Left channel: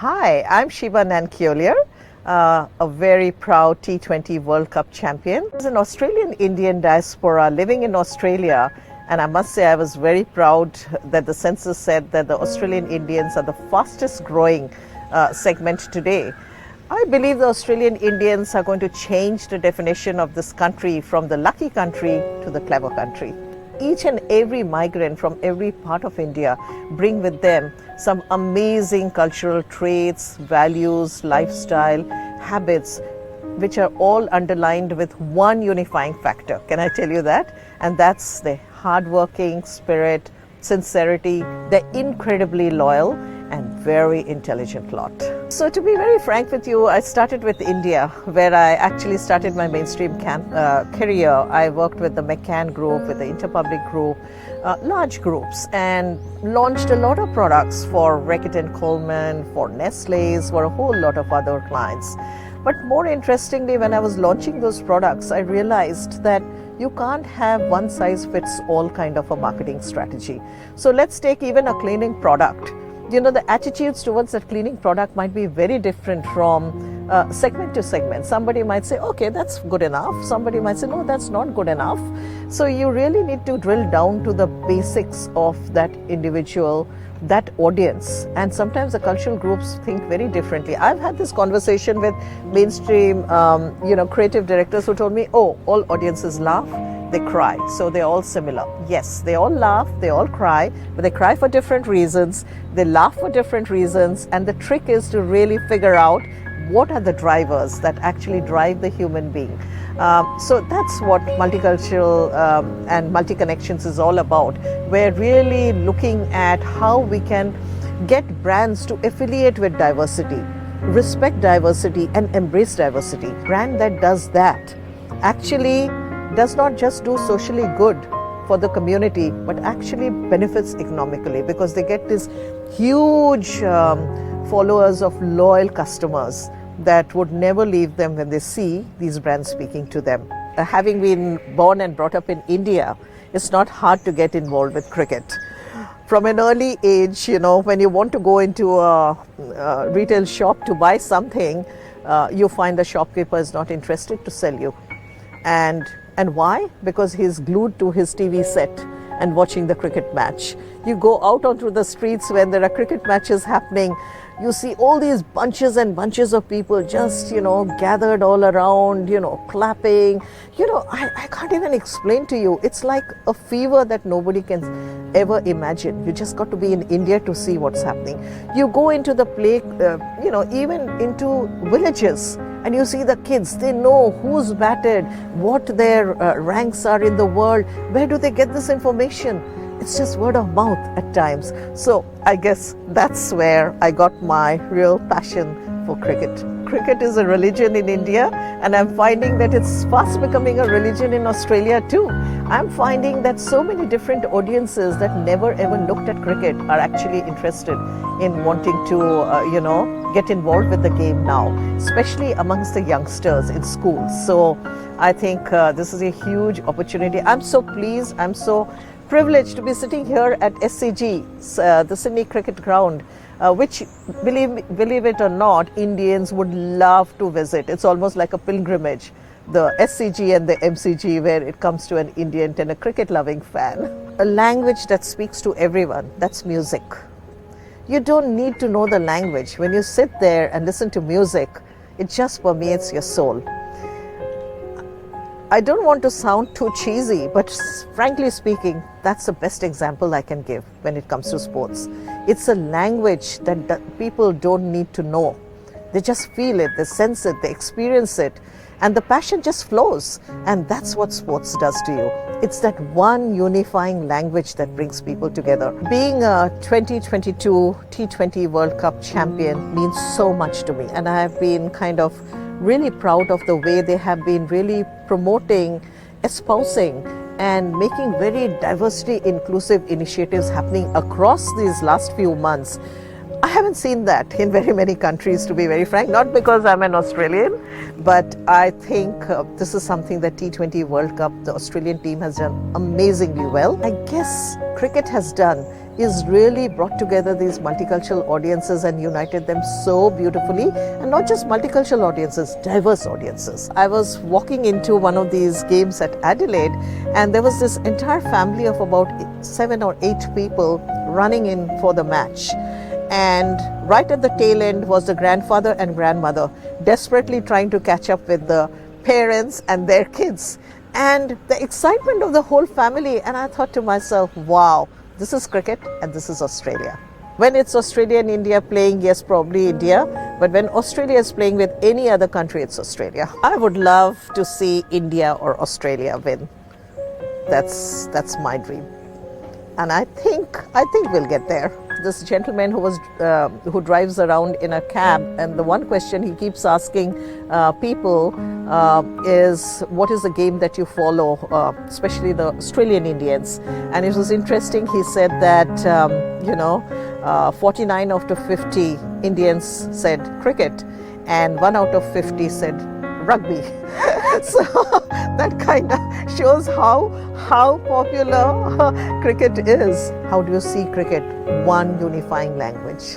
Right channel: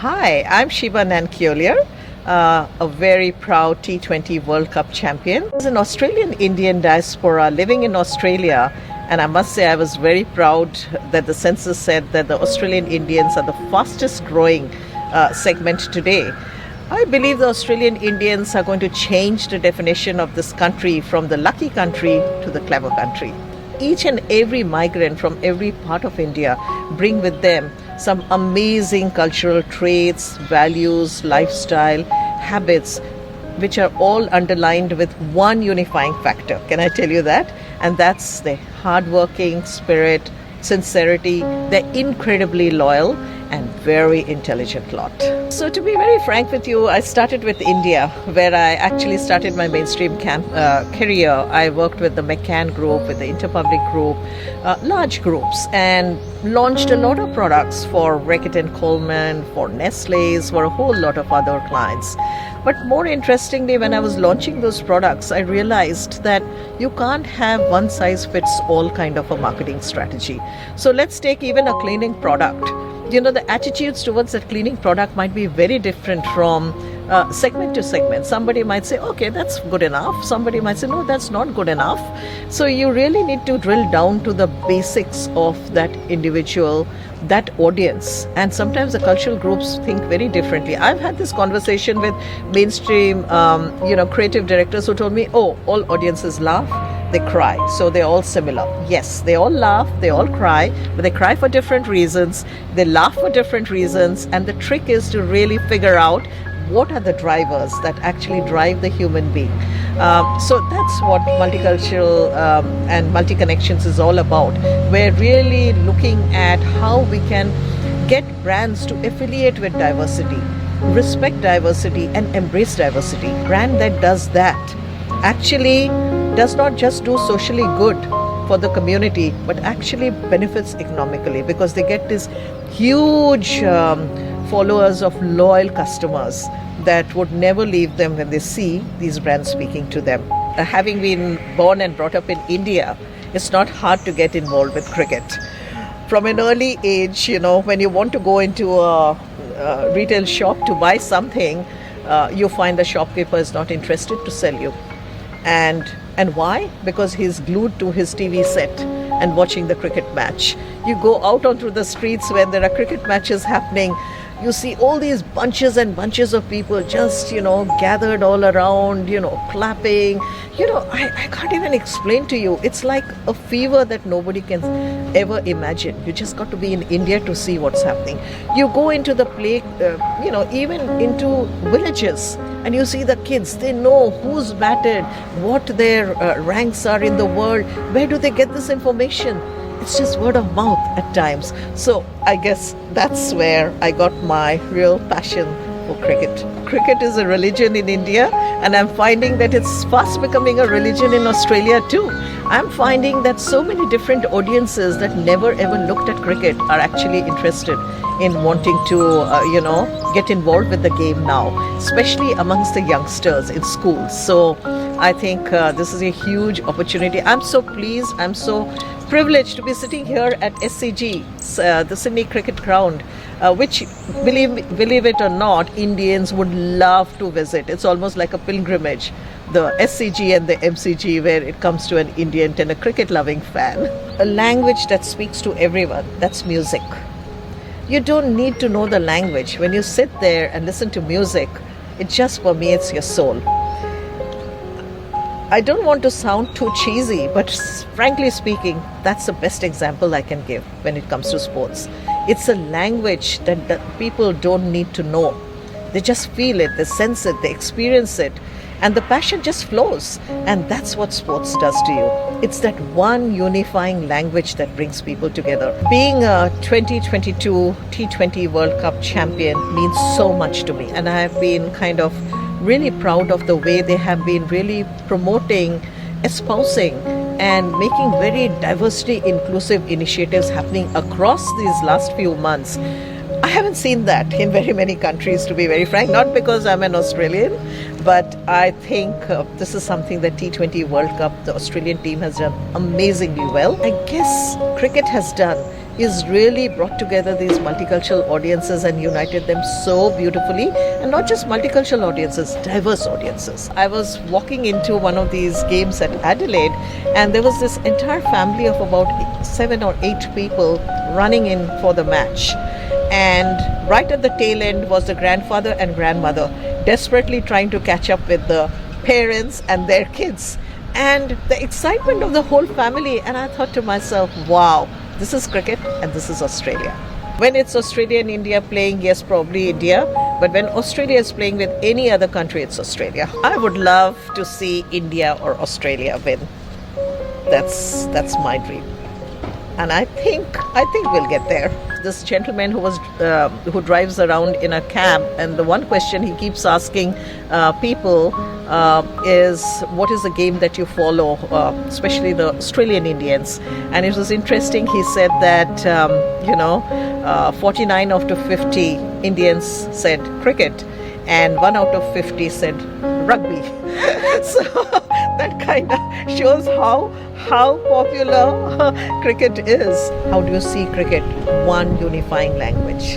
Hi, I'm Sheba Nandkeolyar, a very proud T20 World Cup champion. As an Australian Indian diaspora living in Australia, and I must say I was very proud that the census said that the Australian Indians are the fastest growing segment today. I believe the Australian Indians are going to change the definition of this country from the lucky country to the clever country. Each and every migrant from every part of India bring with them some amazing cultural traits, values, lifestyle, habits, which are all underlined with one unifying factor. Can I tell you that? And that's the hardworking spirit, sincerity. They're incredibly loyal and very intelligent lot. So to be very frank with you, I started with India, where I actually started my mainstream career. I worked with the McCann Group, with the Interpublic Group, large groups, and launched a lot of products for Reckitt and Coleman, for Nestle's, for a whole lot of other clients. But more interestingly, when I was launching those products, I realized that you can't have one size fits all kind of a marketing strategy. So let's take even a cleaning product. You know, the attitudes towards that cleaning product might be very different from segment to segment. Somebody might say, okay, that's good enough. Somebody might say, no, that's not good enough. So you really need to drill down to the basics of that individual, that audience. And sometimes the cultural groups think very differently. I've had this conversation with mainstream, creative directors who told me, oh, all audiences laugh, they cry, so they're all similar. Yes, they all laugh, they all cry, but they cry for different reasons, they laugh for different reasons, and the trick is to really figure out what are the drivers that actually drive the human being. So that's what multicultural and multi-connections is all about. We're really looking at how we can get brands to affiliate with diversity, respect diversity, and embrace diversity. Brand that does that actually does not just do socially good for the community, but actually benefits economically, because they get this huge followers of loyal customers that would never leave them when they see these brands speaking to them. Having been born and brought up in India, it's not hard to get involved with cricket. From an early age, when you want to go into a retail shop to buy something, you find the shopkeeper is not interested to sell you. And why? Because he's glued to his TV set and watching the cricket match. You go out onto the streets when there are cricket matches happening, you see all these bunches and bunches of people just, gathered all around, clapping. I can't even explain to you. It's like a fever that nobody can ever imagine. You just got to be in India to see what's happening. You go into the play, even into villages, and you see the kids. They know who's batted, what their ranks are in the world. Where do they get this information? It's just word of mouth at times. So I guess that's where I got my real passion for cricket. Cricket is a religion in India, and I'm finding that it's fast becoming a religion in Australia too. I'm finding that so many different audiences that never ever looked at cricket are actually interested in wanting to, get involved with the game now, especially amongst the youngsters in schools. So I think this is a huge opportunity. I'm so pleased, I'm so privileged to be sitting here at SCG, the Sydney Cricket Ground, which, believe it or not, Indians would love to visit. It's almost like a pilgrimage, the SCG and the MCG, where it comes to an Indian and a cricket-loving fan. A language that speaks to everyone, that's music. You don't need to know the language. When you sit there and listen to music, it just permeates your soul. I don't want to sound too cheesy, but frankly speaking, that's the best example I can give when it comes to sports. It's a language that people don't need to know. They just feel it, they sense it, they experience it, and the passion just flows. And that's what sports does to you. It's that one unifying language that brings people together. Being a 2022 T20 World Cup champion means so much to me, and I have been kind of really proud of the way they have been really promoting, espousing, and making very diversity inclusive initiatives happening across these last few months. I haven't seen that in very many countries, to be very frank, not because I'm an Australian, but I think this is something that T20 World Cup, the Australian team has done amazingly well. I guess cricket has done is really brought together these multicultural audiences and united them so beautifully, and not just multicultural audiences, diverse audiences. I was walking into one of these games at Adelaide, and there was this entire family of about 7 or 8 people running in for the match. And right at the tail end was the grandfather and grandmother desperately trying to catch up with the parents and their kids, and the excitement of the whole family. And I thought to myself, wow, this is cricket and this is Australia. When it's Australia and India playing, yes, probably India, but when Australia is playing with any other country, it's Australia. I would love to see India or Australia win. That's my dream, and I think we'll get there. This gentleman who drives around in a cab, and the one question he keeps asking people is, what is the game that you follow, especially the Australian Indians? And it was interesting. He said that 49 out of 50 Indians said cricket, and 1 out of 50 said rugby. So that kind of shows how popular cricket is. How do you see cricket? One unifying language.